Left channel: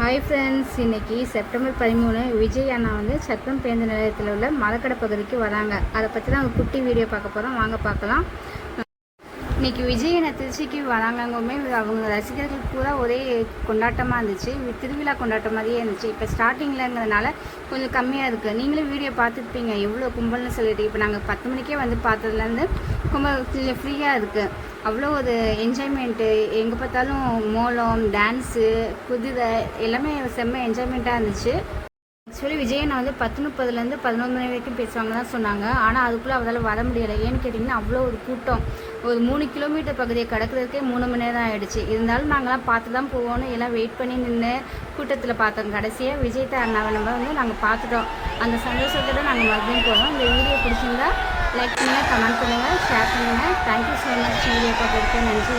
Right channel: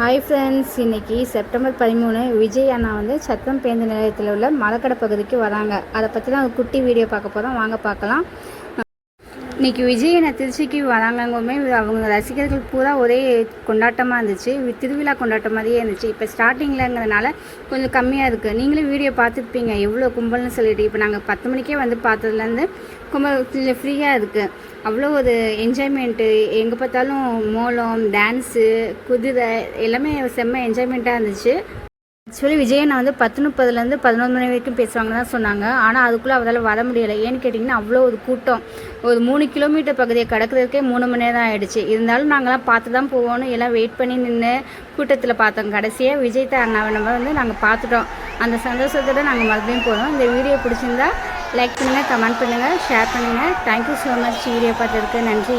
Hi friends இன்னைக்கு September பதிமூணு விஜய் அண்ணா வந்து சத்தம் பேருந்து நிலையத்தில் உள்ள மலக்கடை பகுதிக்கு வராங்க. அதை பற்றி தான் ஒரு குட்டி வீடியோ பார்க்க போகிறோம் வாங்க பார்க்கலாம். இன்றைக்கி விஜய் திருச்சிக்கு வராங்கங்குமே அவங்க ரசிகர்கள் பூரா ஒரே கொண்டாட்டமாக இருந்துச்சு. திருவிழா கொண்டாட்டம் மாதிரியே இருந்துச்சு. இப்போ ஸ்டார்டிங்கில்ங்கிறதுனால கொஞ்சம் கம்மியாக இருக்குது நீங்களும் வீடியோ பார்த்துருப்பீங்க. எவ்வளோ கும்பல்னு சொல்லிட்டு. இப்போ நாங்கள் பத்து மணிக்கே வந்து பார்த்ததுலேருந்து கும்பல் ஃப்ரீயாக இருக்குது அவ்வளோ ஒரு என்ஜாய்மெண்ட்டு எங்கே பார்த்தாலும் மோளம் டான்ஸு குதிரை எல்லாமே செம்ம என்ஜாய்மெண்ட்டாக இருந்துச்சு. ஆக்சுவலி விஜயன் வந்து பத்து முப்பதுலேருந்து பதினொன்று மணி வரைக்கும் பேசுவாங்க தான் சொன்னாங்க. ஆனால் அதுக்குள்ளே அவரால் வர முடியலை. ஏன்னு கேட்டிங்கன்னா அவ்வளோ ஒரு கூட்டம். ஒரு மூணு கிலோமீட்டர் பகுதியை கடக்கிறதுக்கே மூணு மணி நேரம் ஆகிடுச்சு இருந்தாலும் நாங்களாம் பார்த்து தான் போவோம்னு எல்லாம் வெயிட் பண்ணி நின்று கூட்டத்தில் பார்த்தோம். கடைசியாக விஜய் தான் அண்ணாவை நம்ம வந்து நாங்கள் பார்த்துட்டோம். அந்த சந்தோஷத்தோடு நாங்கள் மறுபடியும் போகிறோம் இந்த வீடியோ பிடிச்சிருந்தா லைக் பண்ணுங்கள் கமெண்ட் பண்ணுங்கள் ஷேர் பண்ணுங்கள் தேங்க்யூ ஸோ மச் வீடியோ பார்த்துருக்கேன் நன்றி.